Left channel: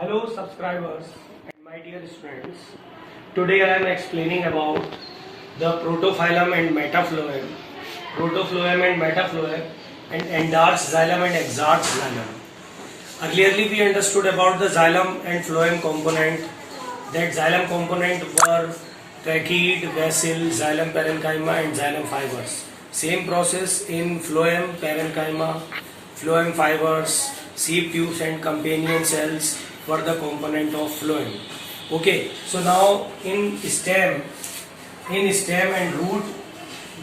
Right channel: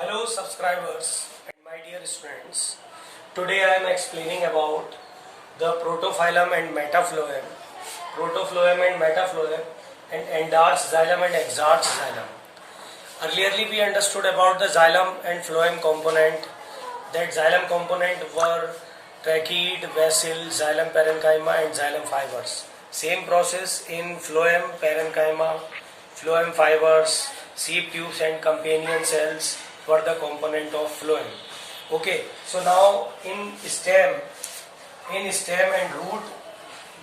Hello subscribers and my dear students. Today I am explaining about the protophyllum and metaphyllum, protophyllum and metaphyllum, and endarch xylem and exarch xylem. Earlierly we understood about the xylem and phloem component. That xylem component were tracheid, vessel, xylem parenchyma and xylem fibers. Same process in phloem parenchyma, phloem fibers, seed tubes and companion cells were the component of phloem. Okay, so now in stem and root,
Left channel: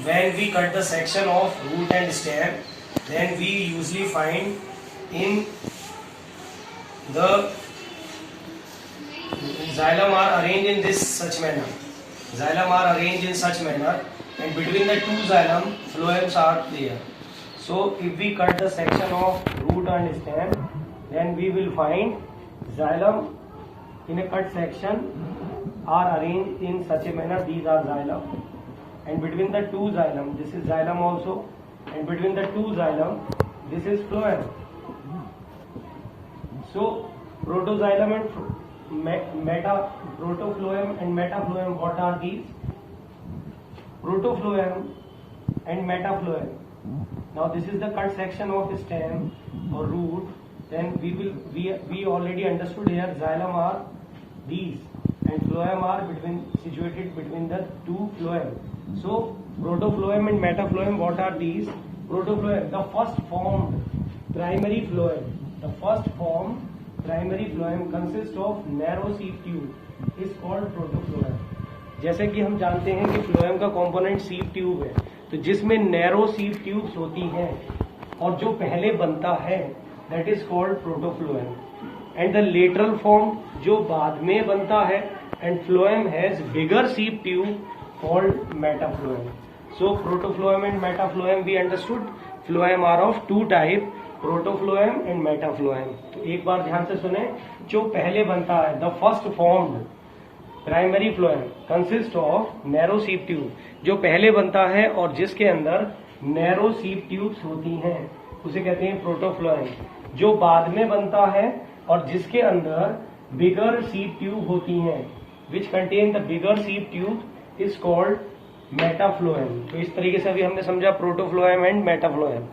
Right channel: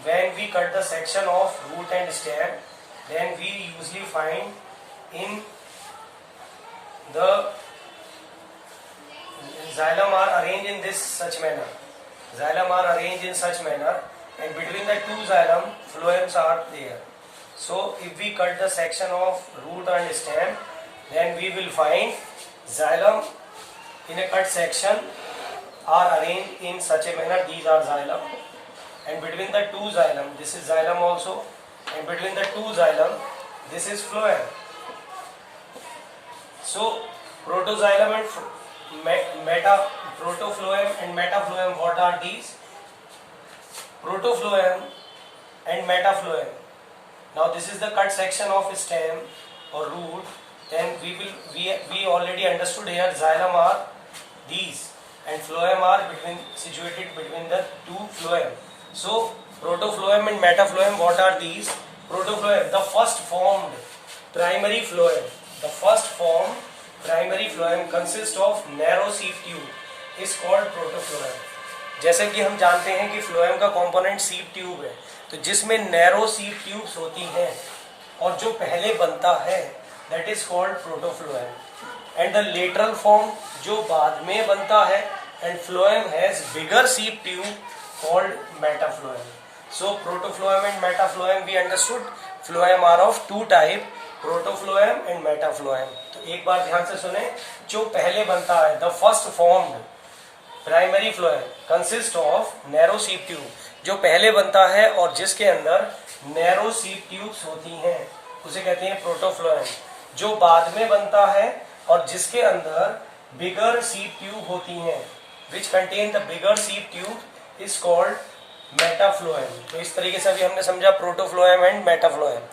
when we cut the section of root and stem, then we usually find in the xylem are arranged in this such manner. Xylem are arranged in such manner, and between the two xylem, phloems are there. So if we cut the section of root and stem, then we will find xylem in a cut section are arranged in such a manner. These are xylem, and between the two xylem, this is xylem also, and between the two xylem, this is phloem. So protoxylem and protophyllum and metaphyllum, what are these? Protophyllum and metaphyllum. Now this is the cut section of stem or root. Then we already understood here xylem are these and phloem are situated between the two phloem. So protophyllum and metaphyllum, what are these? Protophyllum, the first formed primary phloem. The first formed primary phloem consists of narrow seed tube is called protophyllum. जैसे कि हम जानते हैं कि phloem का component seed tube है, तो जिसमें narrow seed tubes होती हैं और जो पहले बनता है that is called protophyllum, and the lateral form जो बाद में बनता है, and phloem has bigger seed tube called metaphyllum. So protophyllum and metaphyllum we understood. Phloem are of two type, protophyllum and metaphyllum. तो एक बार ध्यान से सुने, जो पहले बनता है the first formed primary phloem consist of narrow seed tube, जो पहले बनता है और जिसके अंदर नैरो सीड ट्यूब्स होती हैं उसे कहते हैं प्रोटोफ्लोएम. जो बाद में बनता है और जिसके अंदर बिगर सीड ट्यूब होती हैं which contain the bigger sieve tube is called metaphloem. तो इस तरीके से अभी हमने समझा protophloem and metaphloem.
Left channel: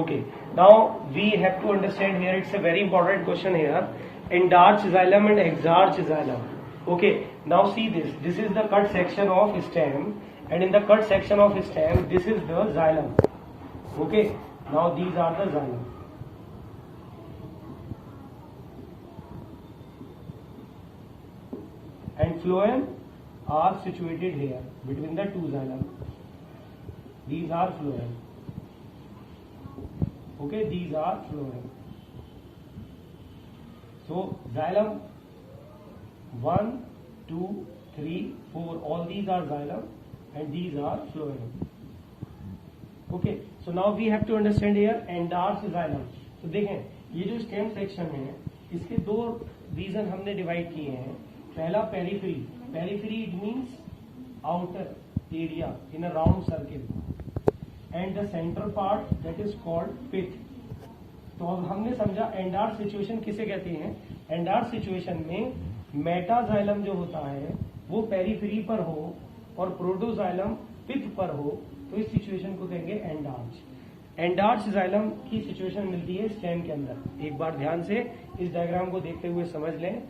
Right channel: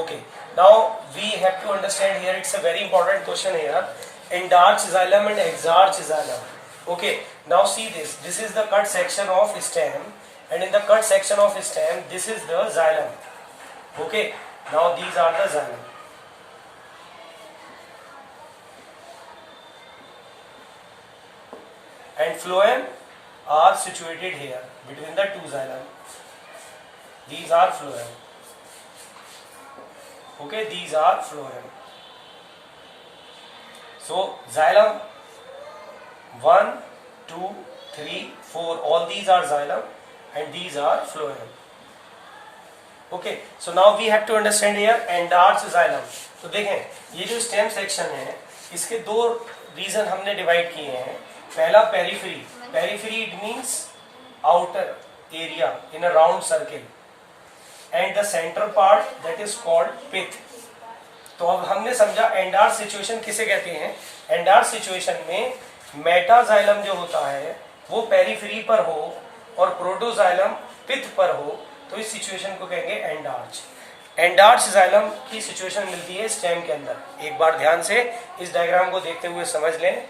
Okay, now we have to understand here, it's a very important question here, endarch xylem and exarch xylem. Okay, now see this. This is the cut section of stem, and in the cut section of stem, this is the xylem. Okay, now these are the xylem. And phloem are situated here between the two xylem. These are phloem. Okay, these are phloem. So xylem 1, 2, 3, 4, all these are xylem and these are phloem. Okay, so now we have to understand here endarch xylem. तो देखें, ये जो stem section है इसके दो reason हमने divide किए हैं. पहला periphery. Periphery it means outer area in a round circle, and the centre part that is called pith. तो अब हमने समझा एंडार्च सिचुएशन किसे कहते हैं. एंडार्च सिचुएशन में मेटाजाइलम जो होता है वो पेरिफेरी पर हो और प्रोटोजाइलम पिथ पर हो, तो इस सिचुएशन को कहेंगे एंडार्च. एंडार्च जाइलम की सिचुएशन मिलती है स्टेम के अंदर. एक बार ध्यान से इस डायग्राम को देखते हुए समझ लें.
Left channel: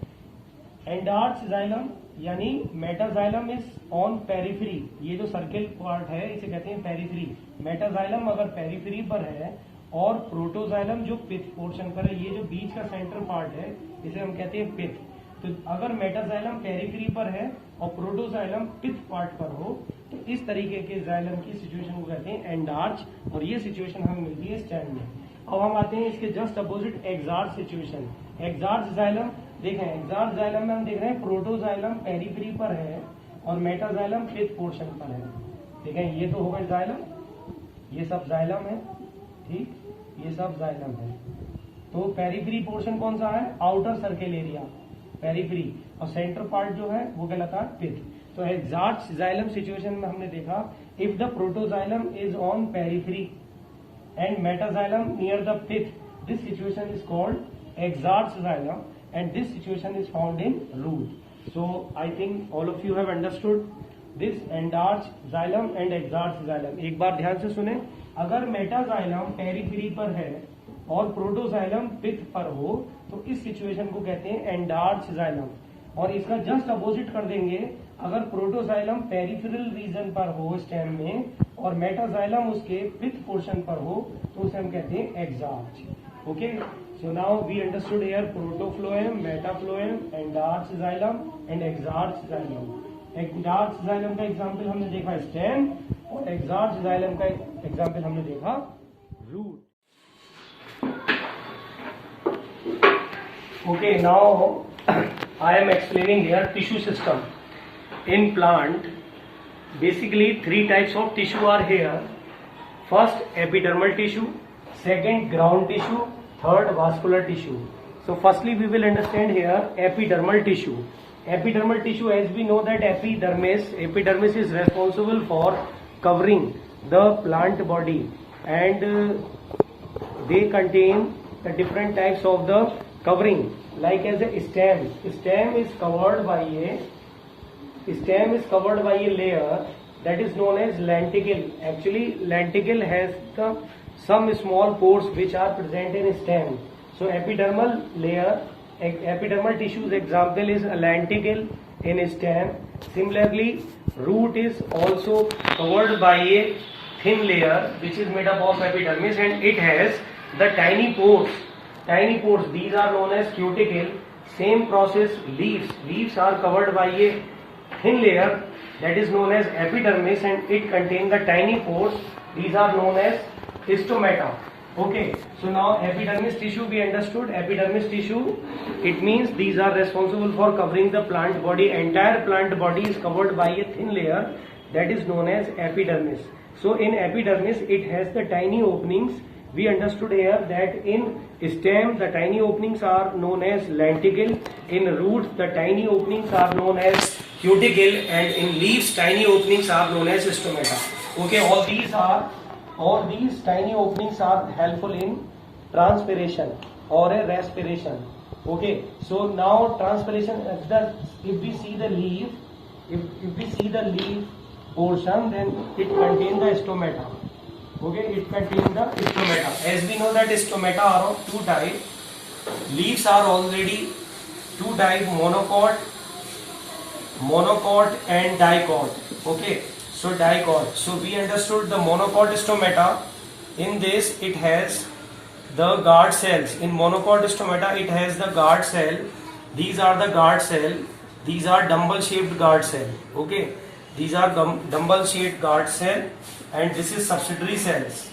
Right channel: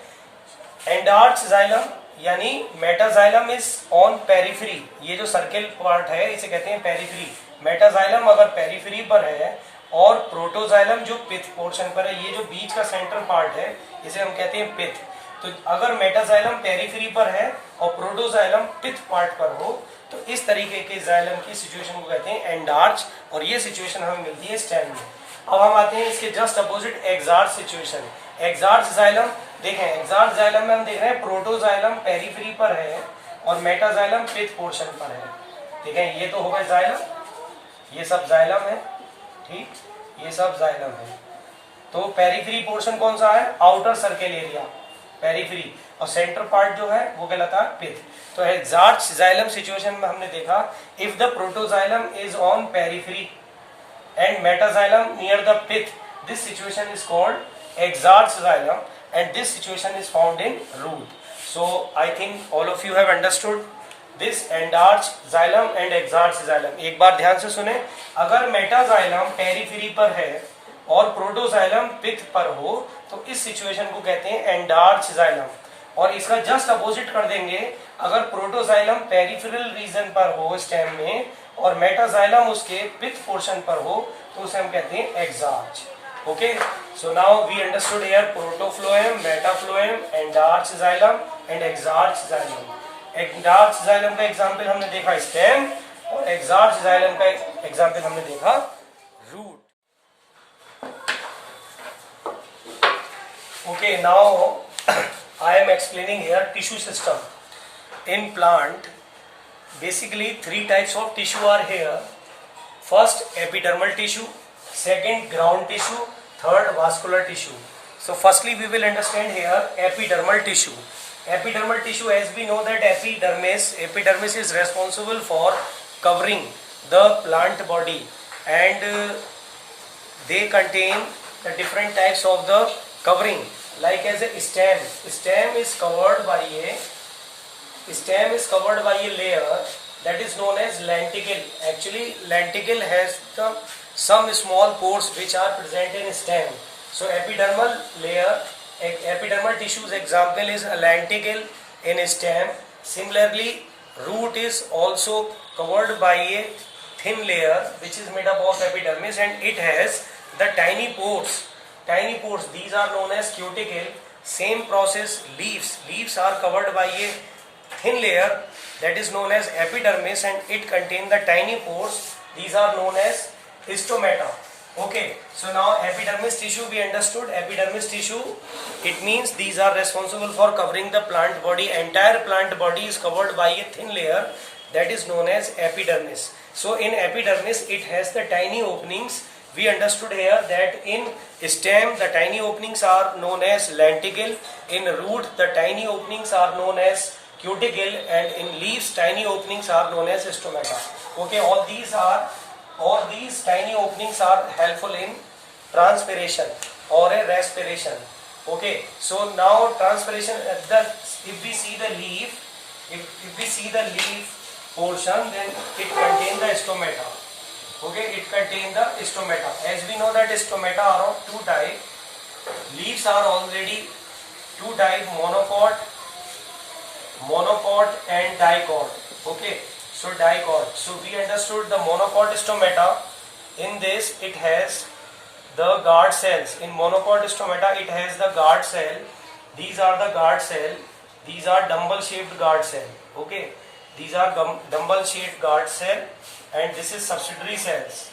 एंडार्च जाइलम यानी मेटाजाइलम इज ऑन पेरिफेरी. ये जो सर्किल पार्ट है इसे कहते हैं पेरिफेरी. मेटाजाइलम अगर पेरिफेरी पर है और प्रोटोजाइलम जो पिथ पोर्शन पर है, ये जो बीच का सेंटर पार्ट है इसे हम कहते हैं पिथ. तो अगर मेटाजाइलम पेरिफेरी पर है और प्रोटोजाइलम पिथ पार्ट पर हो, तो इस तरीके के जाइलम की सिचुएशन को कहते हैं एंडार्च, और ये सिचुएशन हमें मिलती है स्टेम में. अब हम आते हैं इसके just opposite exarch situation. Exarch xylem देखें, एक्सार्च जाइलम में हम देख रहे हैं प्रोटोजाइलम पेरिफेरी पर है और मेटाजाइलम पिथ पोर्शन पर है. देखें, ये तो होगा जाइलम, ये सब जाइलम है, ठीक, ये सब जाइलम है. तो पेरिफेरी पोर्शन कौन सा है? आउटर सर्किल एरिया पेरिफेरी, और सेंटर पार्ट जो है वो कहलाता है पिथ. तो एक्सार्च जाइलम सिचुएशन में हमने देखा if the protoxylem is on periphery and metaxylem near the pith, this situation is called exarch xylem, and this situation is found in root. So I think all of you have understood this endarch xylem and exarch xylem. एक बार ध्यान से सुने, अगर metaxylem periphery पर है और protoxylem पिथ पर हो तो इस सिचुएशन को कहते हैं एंडार्च जाइलम, और इसका जस्ट अपोजिट कर देंगे, अगर प्रोटोजाइलम पेरिफेरल रीजन पर हो स्टेम में और मेटाजाइलम उसके पिथ पोर्शन पर हो तो उसे हम कहते हैं exarch. Okay, so now we understood here protophloem, metaphloem, endarch xylem and exarch xylem. Endarch xylem का एग्जांपल हमने देखा स्टेम और एक्सार्च जाइलम का एग्जांपल हमने देखा root. Okay, now I am explaining here tissue system. In plant, basically 3 types of tissue are here. First, epidermal tissue, second, ground tissue, third, vascular tissue. So firstly we will understand here epidermal tissue. Epidermal tissue, as we know that epidermis is responsible for covering the plant body, and they contain the different types of the covering, like as a stem. Stem is covered by a layer that is known as lenticle. Actually lenticle has some small pores which are present in stem. So epidermal layer, epidermal tissue's example is a lenticle in stem. Similarly, root is also covered by a thin layer which is made up of epidermis, and it has the tiny pores. These are known as cuticle. Same process, leaves are covered by a thin layer that is known as epidermis, and it contains the tiny pores. These are known as stomata. Okay, so now epidermis tissue we understood. Epidermis tissue, it means these are responsible for covering the plant body. Entire plant body is covered by a thin layer that is known as epidermis. So in epidermis it has the tiny openings. We understood here that in stem the tiny openings are known as lenticle, in root the tiny openings are known as cuticle, and in leaves tiny openings are known as stomata. Okay, all these tiny openings are helpful in transpiration or a respiration. Okay, so now transpiration, if we see the leaf, if we see the leaf portion, then it contains the stomata. Okay, it contains the stomata. As we know that stomata are of 2 types. Leaves are already 2 types, monocot and dicot. Okay, so dicot. So we understood the monocot stomata. In this it has the guard cells. In monocot stomata it has the guard cell. These are the guard cell. These are dumbbell shaped guard cell. Okay, these are dumbbell shaped guard cell, and this is subsidiary cells.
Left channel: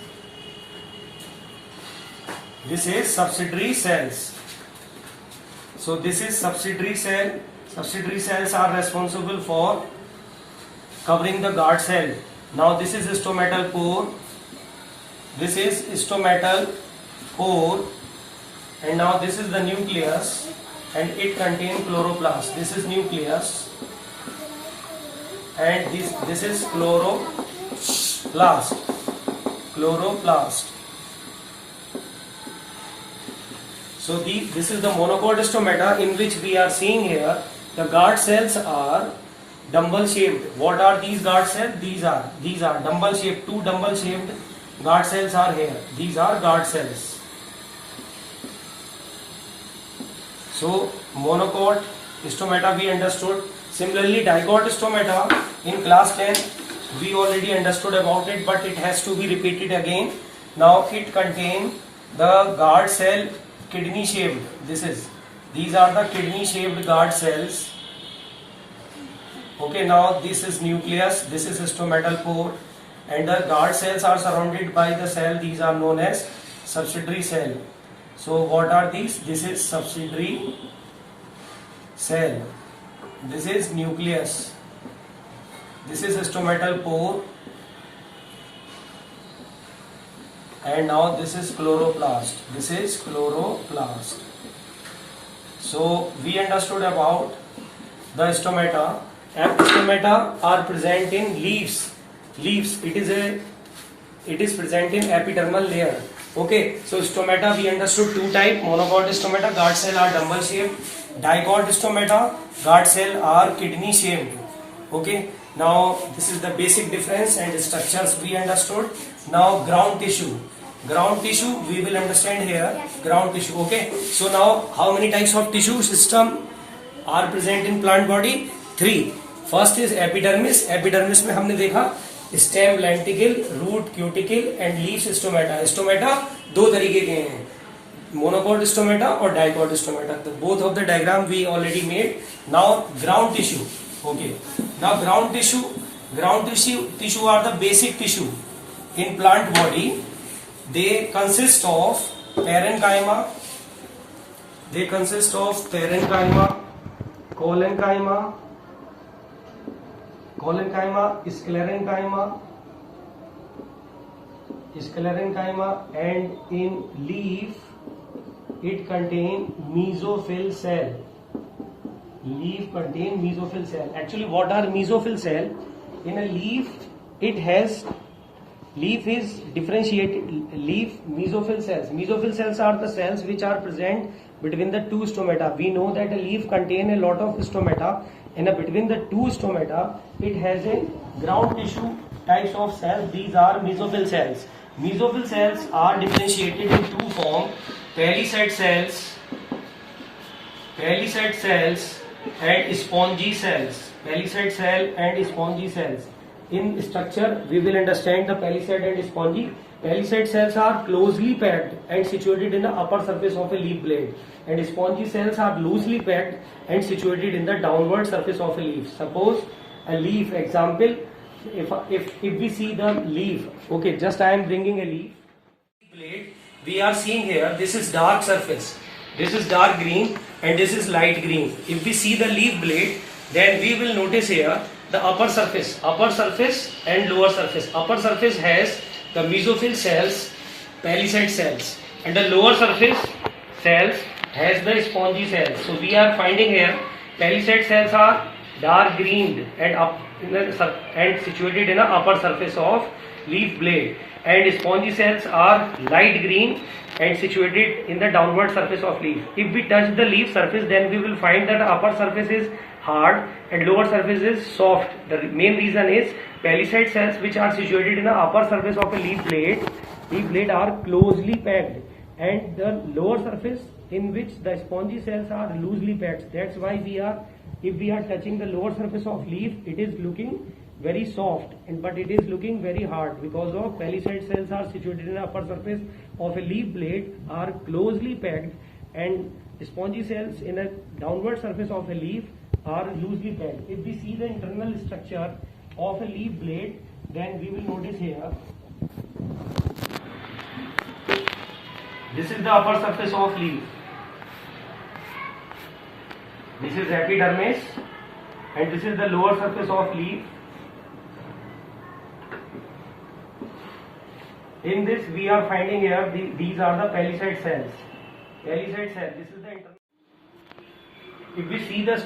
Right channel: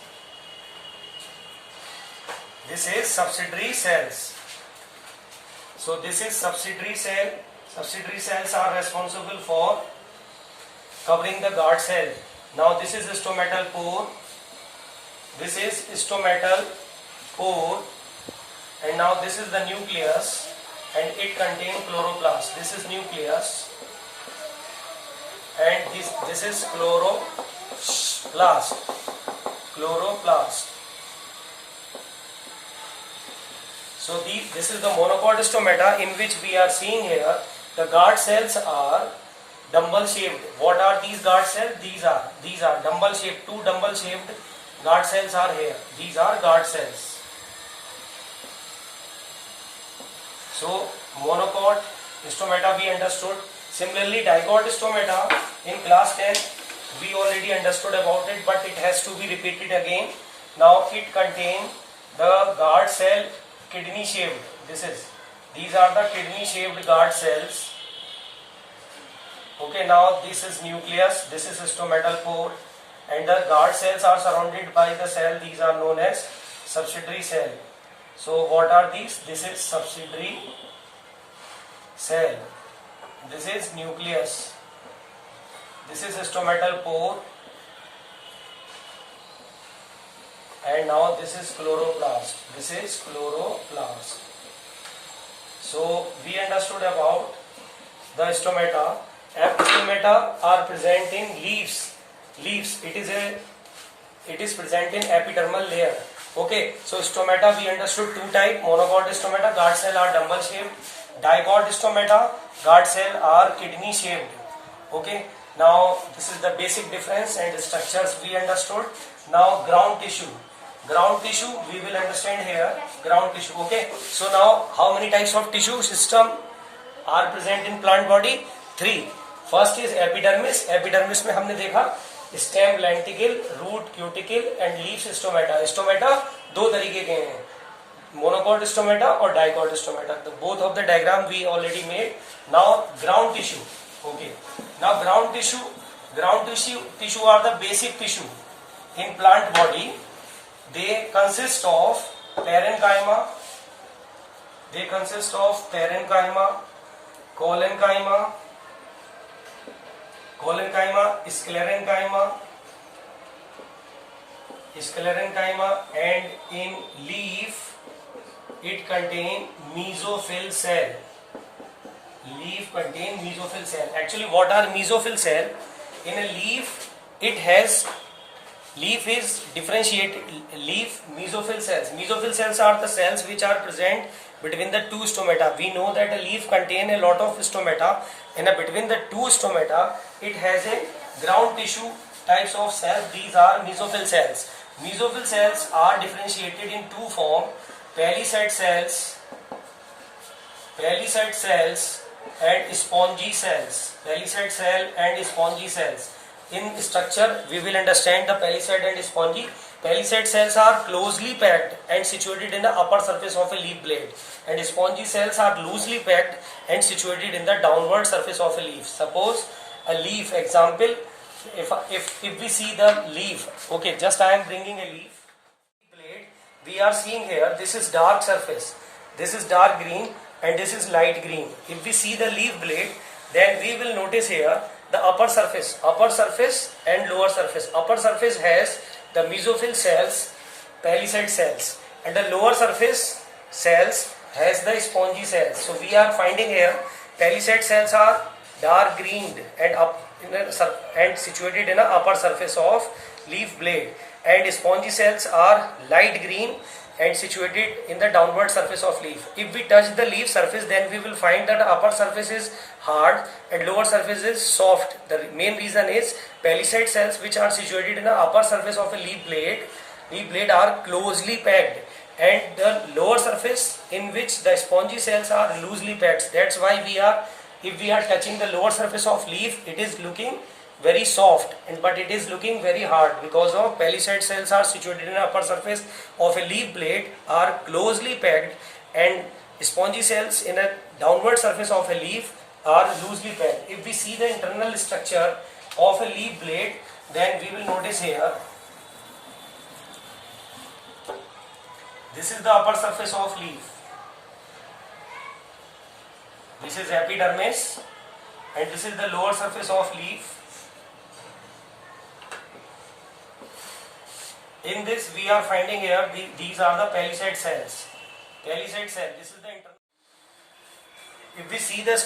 This is subsidiary cells. So this is subsidiary cell. Subsidiary cells are responsible for covering the guard cell. Now this is stomatal pore. This is stomatal pore, and now this is the nucleus, and it contains chloroplast. This is nucleus, and this is chloroplast. So this is the monocot stomata, in which we are seeing here the guard cells are dumbbell shaped. What are these guard cells? These are dumbbell shaped. 2 dumbbell shaped guard cells are here. These are guard cells. So monocot stomata we understood. Similarly, dicot stomata in class 10 we already understood about it, but it has to be repeated again. Now it contains the guard cell kidney shaped. These are the kidney shaped guard cells. Okay, now this is nucleus, this is stomatal pore, and the guard cells are surrounded by the cell. These are known as subsidiary cell. So what are these? This is subsidiary cell. This is nucleus. This is stomatal pore, and now this is chloroplast. This is chloroplast. So we understood about the stomata. Stomata are present in leaves. It is present in epidermal layer. Okay, so stomata we understood two type, monocot stomata, guard cell are dumbbell shaped, dicot stomata, guard cell are kidney shaped. Okay, now this is the basic difference and structures we understood. Now ground tissue we will understand here, ground tissue. Okay, so now how many types of tissue system are present in plant body? 3. First is epidermis. Epidermis में हमने देखा stem lenticel, root cuticle and leaf stomata. Stomata दो तरीके के हैं, monocot stomata और dicot stomata. तो both of the diagram we already made. Now ground tissue. Okay, now ground tissue are the basic tissue in plant body. They consist of parenchyma, collenchyma, sclerenchyma, and in leaf it contain mesophyll cell. Leaf contain mesophyll cell. Actually, what are mesophyll cell? In a leaf, leaf is differentiated. Leaf mesophyll cells. Mesophyll cells are the cells which are present between the two stomata. We know that a leaf contain a lot of stomata, and between the two stomata it has a ground tissue types of cells. These are mesophyll cells. Mesophyll cells are differentiated in two forms: palisade cells and spongy cells. Palisade cell and spongy cells. In structure, we will understand the palisade and spongy. Palisade cells are closely packed and situated in the upper surface of a leaf blade, and spongy cells are loosely packed and situated in the downward surface of a leaf. Suppose a leaf, example, if we see the leaf, okay, just I am bringing a leaf blade. We are seeing here, this is dark surface, this is dark green, and this is light green. If we see the leaf blade, then we will notice here the upper surface and lower surface. Upper surface has the mesophyll cells, palisade cells, and the lower surface cells has the spongy cells. So we are finding here palisade cells are dark green and situated in the upper surface of leaf blade, and spongy cells are light green and situated in the downward surface of leaf. If we touch the leaf surface, then we will find that the upper surface is hard and lower surface is soft. The main reason is palisade cells which are situated in the upper surface of a leaf blade are closely packed, and the lower surface in which the spongy cells are loosely packed. That's why if we are touching the lower surface of leaf, it is looking very soft, but it is looking very hard because of palisade cells are situated in the upper surface of a leaf blade are closely packed, and spongy cells in a downward surface of a leaf are loosely packed. If we see the internal structure of a leaf blade, then we will notice here, this is the upper surface of leaf, this is epidermis, and this is the lower surface of leaf. In this we are finding here these are the palisade cells. Palisade cell, this is the internal. If we see the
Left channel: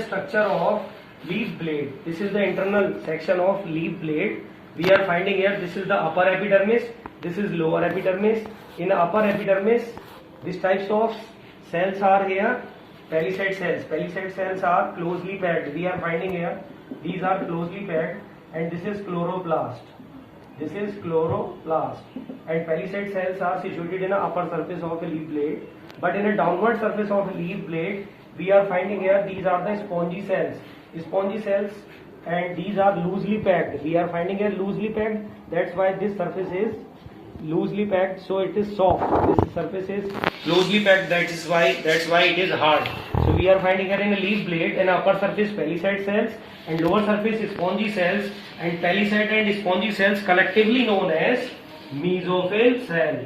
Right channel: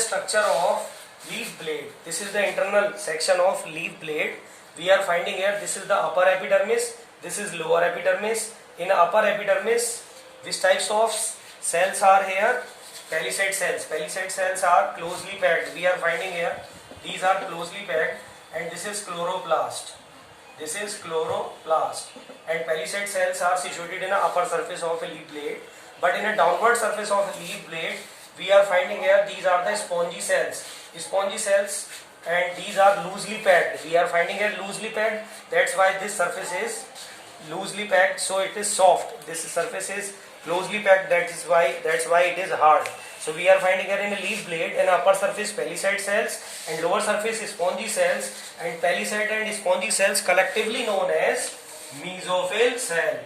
structure of leaf blade, this is the internal section of leaf blade. We are finding here, this is the upper epidermis, this is lower epidermis. In upper epidermis, which types of cells are here? Palisade cells. Palisade cells are closely packed. We are finding here, these are closely packed, and this is chloroplast. This is chloroplast, and palisade cells are situated in the upper surface of a leaf blade. But in a downward surface of a leaf blade, we are finding here these are the spongy cells. Spongy cells, and these are loosely packed. We are finding here loosely packed. That's why this surface is loosely packed, so it is soft. This surface is closely packed. That's why it is hard. So we are finding here in a leaf blade an upper surface palisade cells and lower surface spongy cells, and palisade and spongy cells collectively known as mesophyll cell.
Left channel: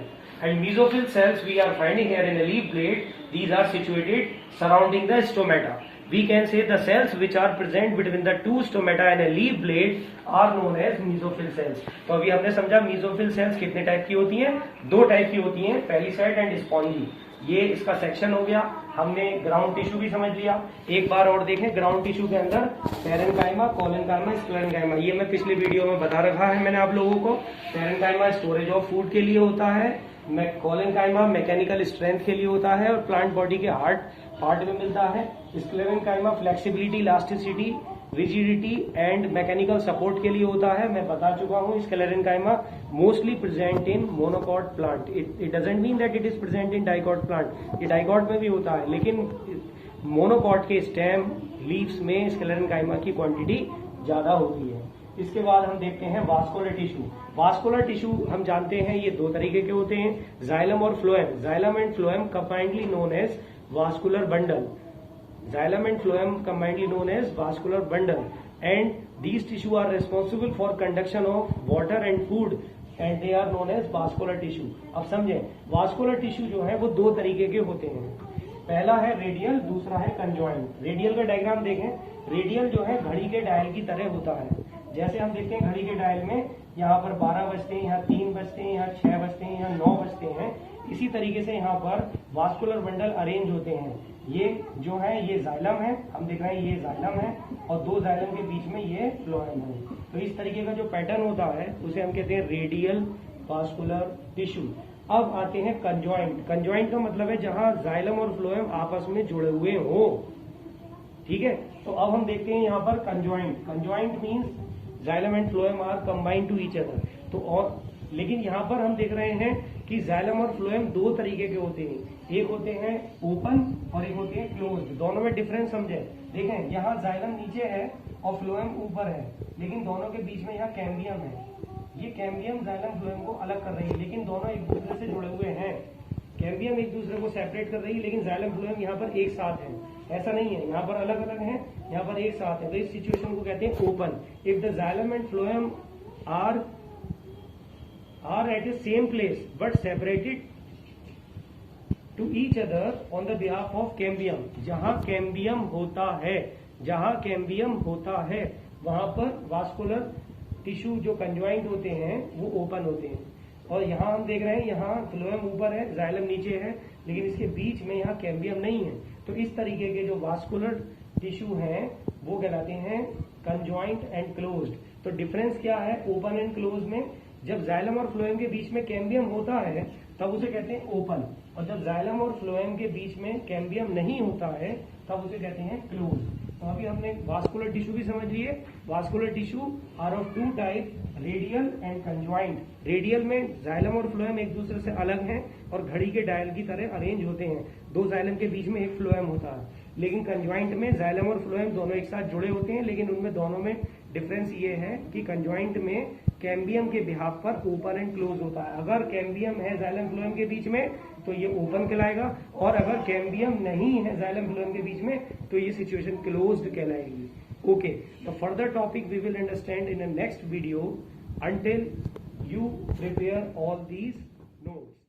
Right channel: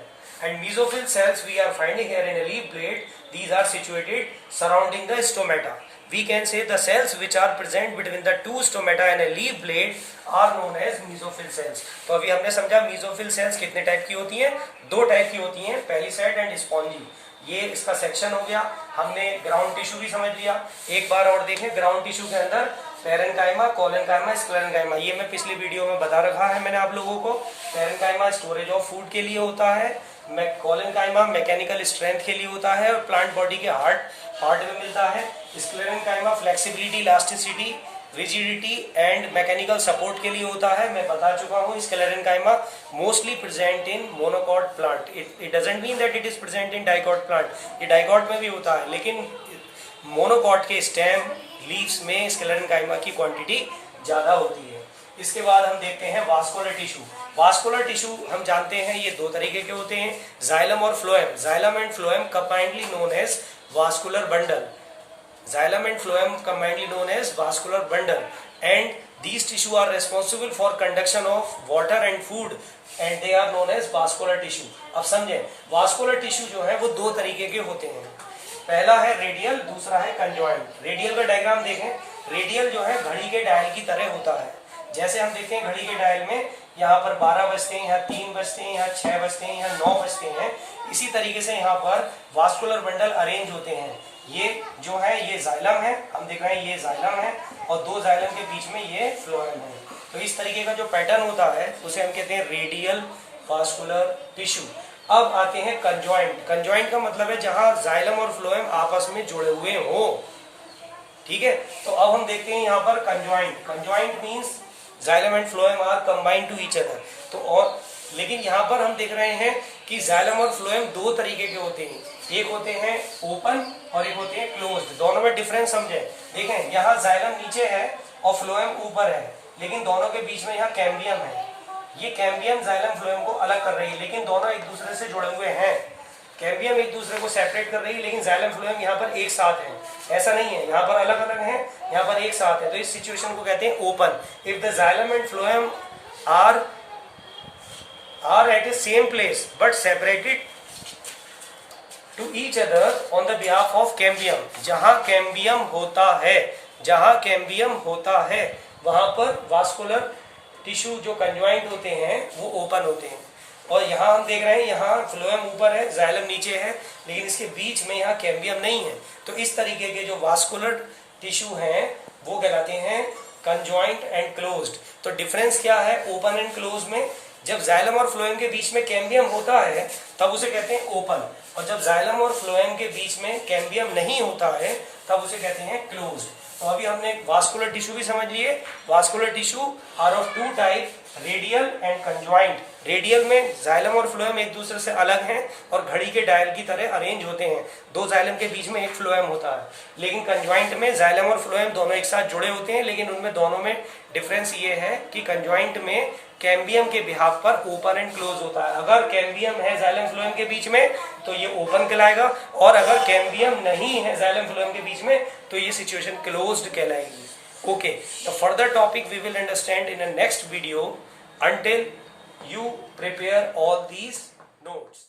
And mesophyll cells we are finding here in a leaf blade. These are situated surrounding the stomata. We can say the cells which are present between the two stomata and a leaf blade are known as mesophyll cells. तो अभी हमने समझा mesophyll cells कितने type की होती हैं? दो type की होती हैं, palisade and spongy. ये इसका सेक्शन हो गया। हमने ग्राउंड टिश्यू भी समझ लिया। एक बार और देखें, ग्राउंड टिश्यू के अंदर पैरेन्काइमा, कोलेनकाइमा, स्क्लेरेन्काइमा, ये मैं पिछली वीडियो में बता रखा है मैंने आप लोगों को। पैरेन्काइमा स्टोरेज ऑफ फूड के लिए होता है, कोलेनकाइमा मैकेनिकल स्ट्रेंथ के लिए होता है और प्लांट बॉडी के हार्ट पार्ट में मिलता है। Sclerenchyma flexibility, elasticity, rigidity and mechanical support के लिए होता है, मैं बता चुका हूँ। Sclerenchyma mostly present in monocot plant, it doesn't mean that it is present in dicot plant, ये डाइकॉट में भी होता है, लेकिन मोनोकॉट के स्टेम लीव्स में स्क्लेरेन्काइमा की क्वांटिटी ज़्यादा होती है। इसके बाद हम देखते हैं वास्कुलर टिश्यू। वास्कुलर टिश्यू हम जानते हैं ये दो तरीके के होते हैं, जाइलम और phloem. Xylem and phloem combinedly known as vascular bundle, xylem and phloem combinedly known as vascular bundle, and these tissue are responsible for conduction of water and food and they are known as vascular tissue। अब समझें, vascular tissue जो है वो दो तरीके के होते हैं, पहला है रेडियल, दूसरा है कंजॉइंट। रेडियल का डायग्राम देखें, रेडियल जो है घड़ी के डायल की तरह होता है। जैसे हम देखते हैं घड़ी के डायल में यहाँ पर 12 बजते हैं, यहाँ 3 बजते हैं, यहाँ 6 बजते हैं, यहाँ 9 बजते हैं, इसी तरीके से यहाँ पर वास्कुलर बंडल अरेंज होते हैं। ये जो है ये जाइलम है, हम देख रहे हैं ये जाइलम है और दो जाइलम के बीच में ये फ्लोएम है। तो इस तरीके का जो पैटर्न होता है उसे हम कहते हैं रेडियल वास्कुलर टिश्यू। अब आते हैं कंजॉइंट। कंजॉइंट का मतलब है जहां जाइलम और फ्लोएम आपस में जुड़े हुए हो, ठीक है। तो अब हम देखते हैं यहाँ पर conjoint. Conjoint means xylem and phloem are combined to each other. तो और लेकिन यहाँ पर हम देख रहे हैं कि जाइलम और फ्लोएम दो तरीके के होते हैं, एक होते हैं ओपन और एक होते हैं क्लोज्ड। दोनों में डिफरेंस समझें। देखें यहाँ जाइलम नीचे है और फ्लोएम ऊपर है, लेकिन दोनों के बीच में यहाँ कैम्बियम है। ये कैम्बियम जाइलम फ्लोएम को अलग कर रही है, लेकिन दोनों एक दूसरे से जुड़े हुए हैं। कैम्बियम एक दूसरे को सेपरेट कर रही है, लेकिन जाइलम फ्लोएम यहाँ पर एक साथ है, ऐसा नहीं है, यहाँ पर अलग अलग है, यहाँ पर एक साथ है। तो इस सिचुएशन को कहते हैं open. If the xylem and phloem are at a same place but separated to each other on the behalf of cambium। जहां कैम्बियम होता है, जहां कैम्बियम होता है वहां पर वास्कुलर टिश्यू जो कंजॉइंट होते हैं वो ओपन होते हैं। और यहाँ हम देख रहे हैं यहाँ फ्लोएम ऊपर है, जाइलम नीचे है, लेकिन इसके बीच में यहाँ कैम्बियम नहीं है। तो इस तरीके के जो वास्कुलर टिश्यू हैं वो कहलाते हैं कंजॉइंट एंड क्लोज्ड। तो डिफरेंस क्या है ओपन एंड क्लोज में? जब जाइलम और फ्लोएम के बीच में कैम्बियम होता है तब उसे कहते हैं ओपन, और जब जाइलम और फ्लोएम के बीच में कैम्बियम नहीं होता है तब उसे कहते हैं क्लोज्ड। तो अभी हमने वास्कुलर टिश्यू भी समझ लिए। Vascular tissue are of two type, radial and conjoint. Radial में जाइलम और फ्लोएम एक दूसरे से अलग हैं और घड़ी के डायल की तरह अरेंज होते हैं, दो जाइलम के बीच में एक फ्लोएम होता है। लेकिन कंजॉइंट में जाइलम और फ्लोएम दोनों एक साथ जुड़े होते हैं, लेकिन उनमें दोनों में डिफरेंस ये है कि कंजॉइंट में कैम्बियम के बिहाफ पर ओपन एंड क्लोज होता है। अगर कैम्बियम है जाइलम फ्लोएम के बीच में तो ये ओपन कहलाएगा, और अगर कैम्बियम नहीं है जाइलम फ्लोएम के बीच में तो ये सिचुएशन क्लोज्ड कहलाएगी। Okay, the further topic we will understand in a next video. Until you prepare all these notes.